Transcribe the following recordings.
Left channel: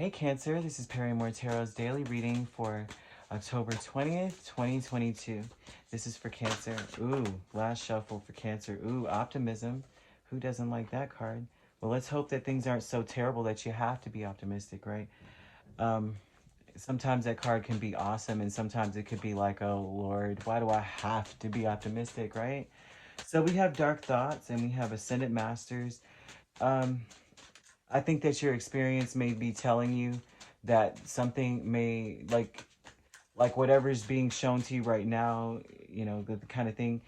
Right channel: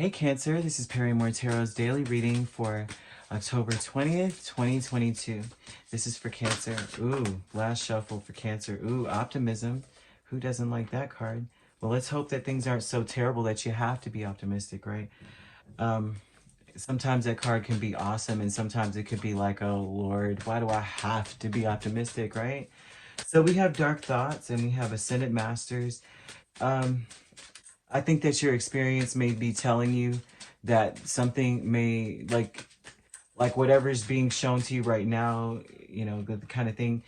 Hey Cancer, this is Perrymoretarot's daily reading for October 20th, 2022. This is for Cancer. Ooh, last shuffle for Cancer. Ooh, optimism. Who doesn't like that card? Well, let's hope that things aren't so terrible that you have to be optimistic, right? Um, Sometimes that card can be awesome and sometimes it could be like, oh Lord, why do I have to be optimistic, right? So we have Dark Thoughts and we have Ascendant Masters. Um, I think that your experience may be telling you that something may like whatever's being shown to you right now, you know, the kind of thing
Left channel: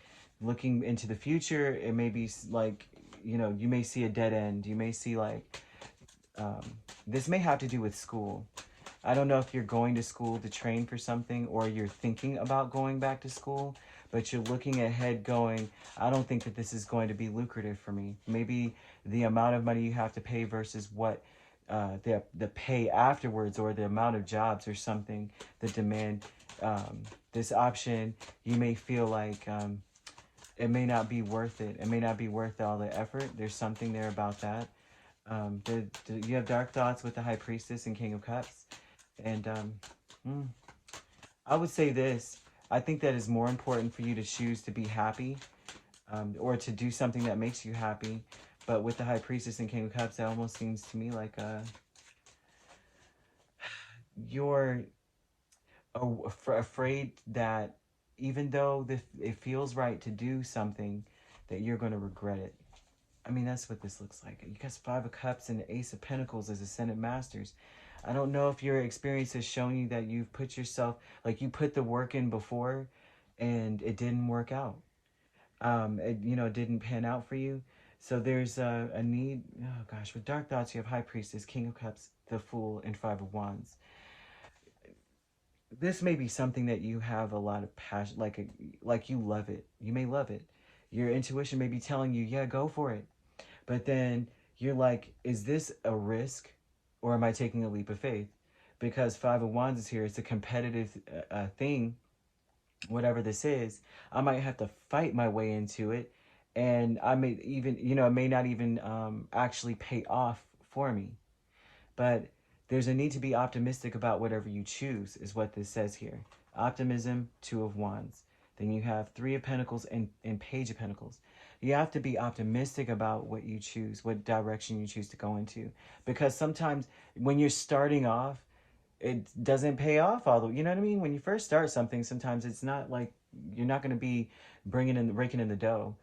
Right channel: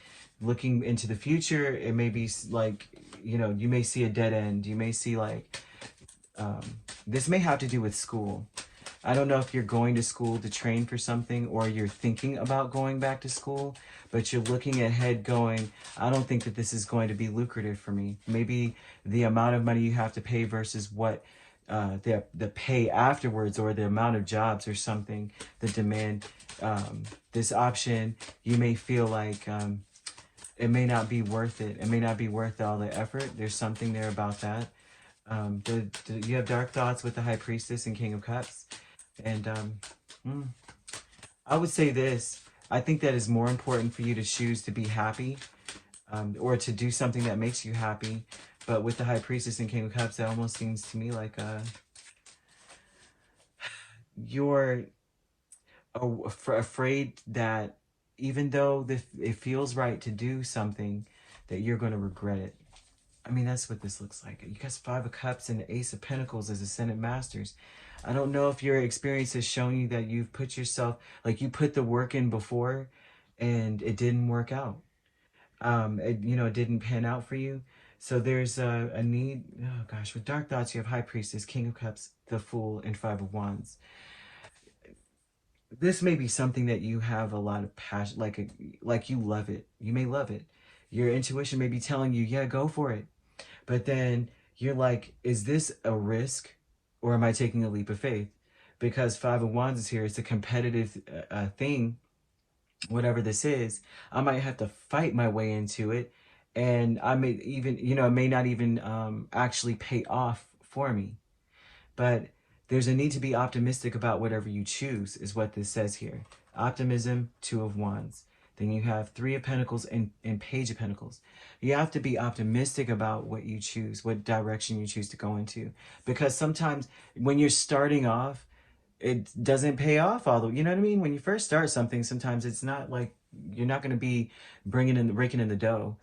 looking into the future, it may be like, you know, you may see a dead end. You may see like um, this may have to do with school. I don't know if you're going to school to train for something or you're thinking about going back to school, but you're looking ahead going, I don't think that this is going to be lucrative for me. Maybe the amount of money you have to pay versus what the pay afterwards, or the amount of jobs or something, the demand, this option, you may feel like it may not be worth it. It may not be worth all the effort. There's something there about that. You have Dark Thoughts with the High Priestess and King of Cups. And I would say this. I think that is more important for you to choose to be happy, or to do something that makes you happy. But with the High Priestess and King of Cups, that almost seems to me like you're afraid that even though it feels right to do something, that you're going to regret it. I mean, that's what this looks like. You got Five of Cups and the Ace of Pentacles as Ascendant Masters. I don't know if your experience has shown you that you've put yourself, like you put the work in before and it didn't work out. It didn't pan out for you. So there's a need. Oh gosh, with Dark Thoughts, you have High Priestess, King of Cups, the Fool, and Five of Wands. This may be something that you have a lot of passion, like you love it. You may love it. Your intuition may be telling you, yeah, go for it. But then you're like, is this a risk or am I taking a leap of faith? Because Five of Wands is here. It's a competitive thing, whatever this is. I might have to fight my way into it. And I may even, it may not even actually pay off for me. But there's a need to be optimistic about whatever you choose, is what this says here. Optimism, Two of Wands. Then you have Three of Pentacles and Page of Pentacles. You have to be optimistic about what you choose, what direction you choose to go into. Because sometimes when you're starting off, it doesn't pay off. Although, you know what I mean? When you first start something, sometimes it's not like you're not going to be raking in the dough.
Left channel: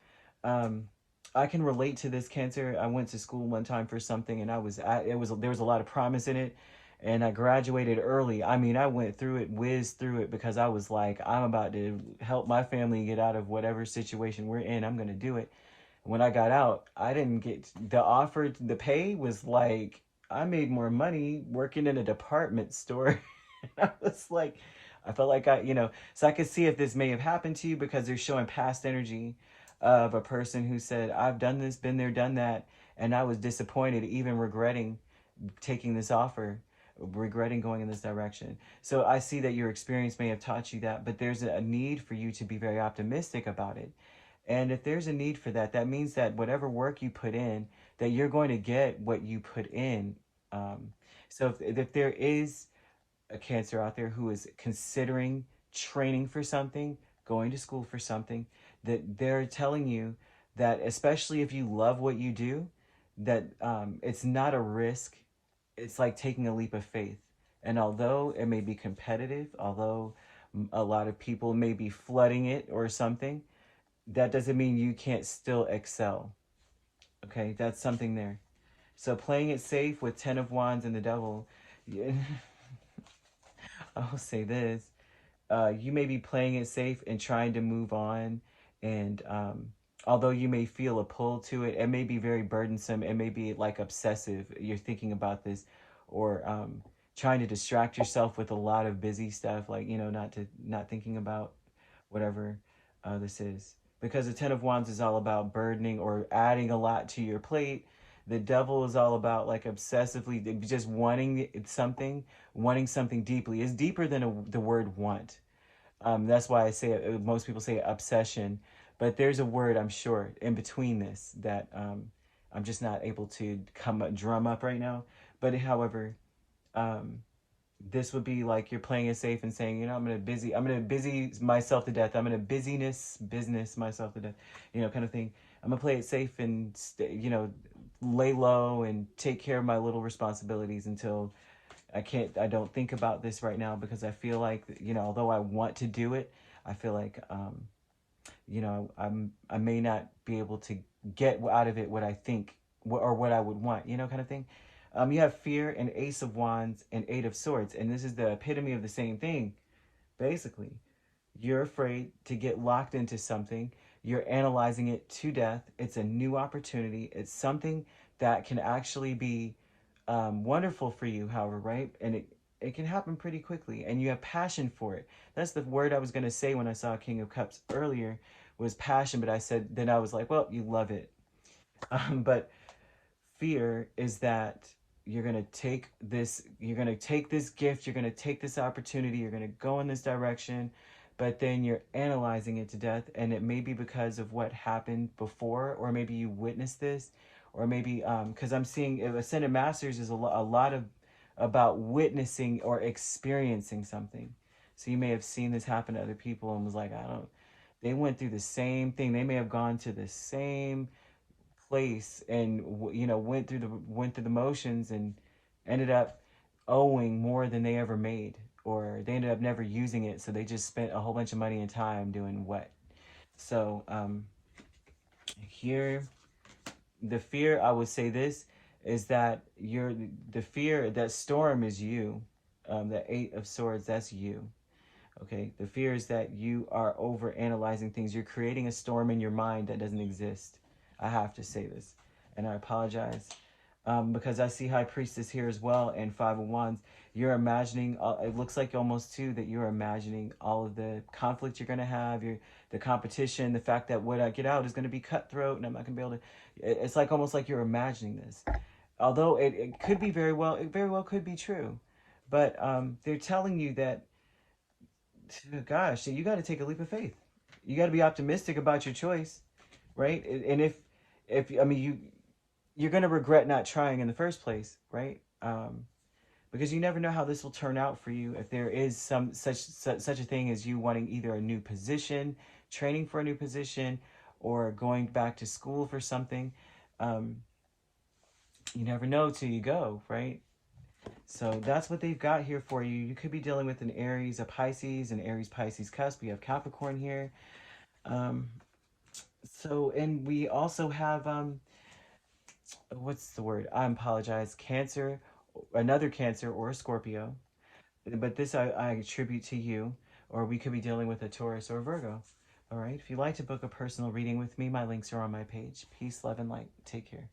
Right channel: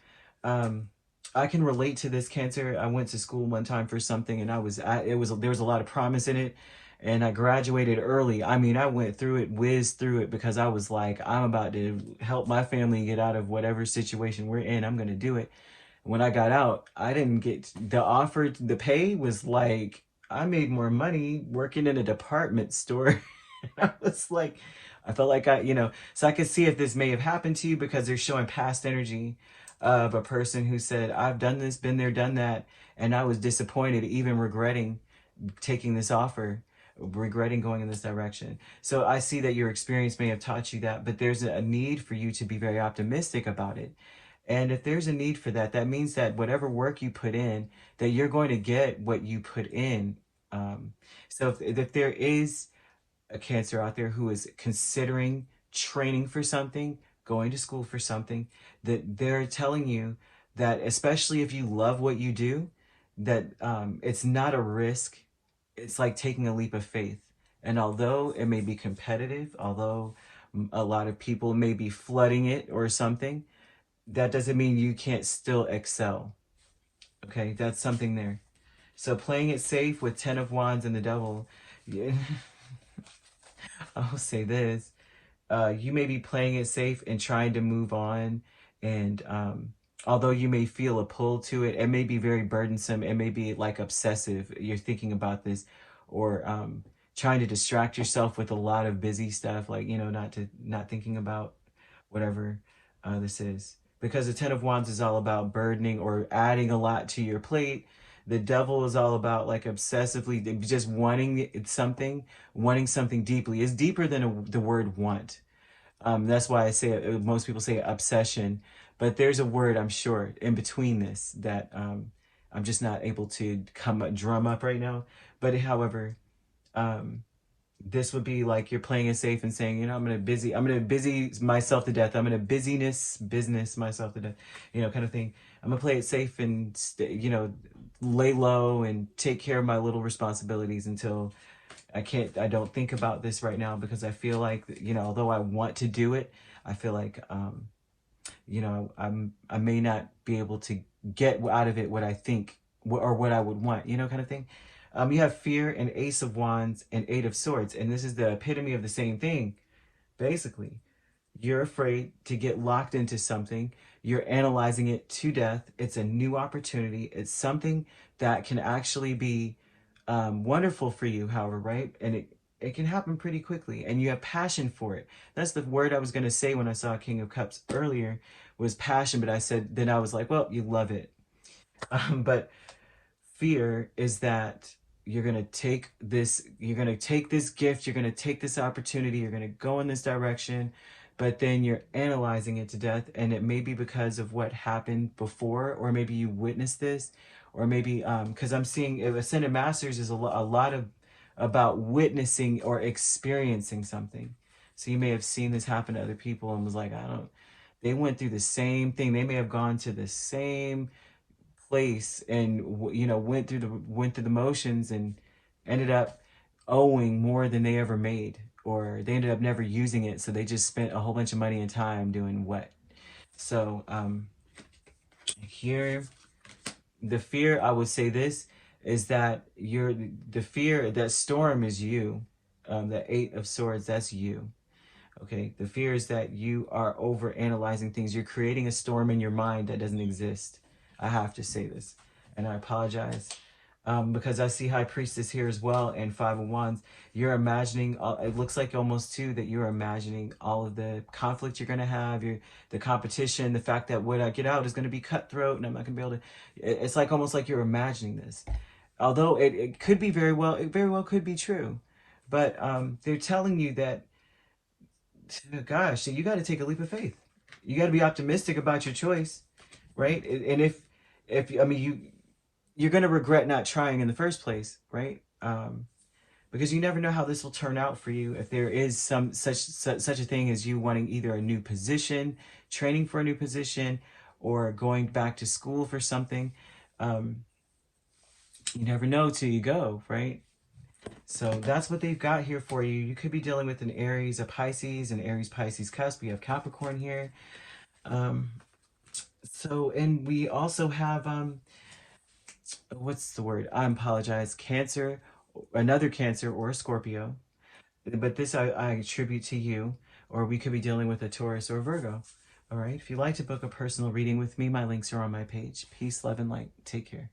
I can relate to this, Cancer. I went to school one time for something, and there was a lot of promise in it, and I graduated early. I mean, I went through it, whizzed through it, because I was like, I'm about to help my family get out of whatever situation we're in. I'm gonna do it. When I got out, I didn't get the offer. The pay was like, I made more money working in a department store. I was like, I felt like so I could see if this may have happened to you, because they're showing past energy of a person who said, I've done this, been there, done that, and I was disappointed, even regretting taking this offer, regretting going in this direction. So I see that your experience may have taught you that, but there's a need for you to be very optimistic about it. And if there's a need for that, that means that whatever work you put in, that you're going to get what you put in. So if there is a Cancer out there who is considering training for something, going to school for something, that they're telling you that, especially if you love what you do, that it's not a risk. It's like taking a leap of faith. And although it may be competitive, although a lot of people may be flooding it or something, that doesn't mean you can't still excel. Okay, that's something there. So playing it safe with Ten of Wands and the Devil, yeah, I'll say this. You may be playing it safe and trying to move on. And although you may feel a pull to it, it may be very burdensome. It may be like obsessive. You're thinking about this, or trying to distract yourself with a lot of busy stuff, like, not thinking about whatever this is. Because the Ten of Wands is all about burdening or adding a lot to your plate. The Devil is all about like obsessively just wanting something deeply. It's deeper than the word want. That's why I say most people say obsession, but there's a word, I'm sure, in between this that I'm just not able to drum up right now. But however, Um, this would be like you're playing it safe and saying, you know, I'm gonna busy myself to death. I'm gonna business myself to death, you know, kind of thing. I'm gonna play it safe and you know, lay low and take care of my little responsibilities until I don't think about this right now because I feel like, you know, although I want to do it, I feel like, you know, I may not be able to get out of it what I think or what I would want, you know, kind of thing. You have fear and Ace of Wands and Eight of Swords, and this is the epitome of the same thing. Basically, you're afraid to get locked into something. You're analyzing it to death. It's a new opportunity. It's something that can actually be wonderful for you, however, right? And it can happen pretty quickly, and you have passion for it. That's the word I was going to say when I saw King of Cups earlier was passion, but I said, then I was like, well, you love it. But fear is that you're going to take this gift, you're going to take this opportunity, you're going to go in this direction, but then you're analyzing it to death, and it may be because of what happened before, or maybe you witnessed this, or maybe because I'm seeing Ascended Masters is a lot of about witnessing or experiencing something. So you may have seen this happen to other people and was like, I don't, they went through the same thing, they may have gone to the same place and you know went through the motions and ended up owing more than they ever made, or they ended up never using it, so they just spent a whole bunch of money and time doing what. So here the fear, I would say this, is that you're the fear that storm is you. The Eight of Swords, that's you. Okay, the fear is that you are over analyzing things. You're creating a storm in your mind that doesn't exist. I have to say this, and I apologize because I see High Priestess here as well and Five of Wands. You're imagining. It looks like almost too that you're imagining all of the conflict you're gonna have. The competition, the fact that what I get out is gonna be cutthroat, and I'm not gonna be able to. It's like almost like you're imagining this. Although it could be it very well could be true, but they're telling you that gosh, you got to take a leap of faith. You got to be optimistic about your choice, right? And if I mean you're gonna regret not trying in the first place, right? Because you never know how this will turn out for you. If there is such a thing as you wanting either a new position, training for a new position, or going back to school for something, um, you never know till you go, right? So that's what they've got here for you. You could be dealing with an Aries, a Pisces, an Aries Pisces cusp. We have Capricorn here. Um, and we also have what's the word? I apologize. Cancer, another Cancer or a Scorpio. But this I attribute to you, or we could be dealing with a Taurus or a Virgo. All right. If you'd like to book a personal reading with me, my links are on my page. Peace, love, and light. Take care.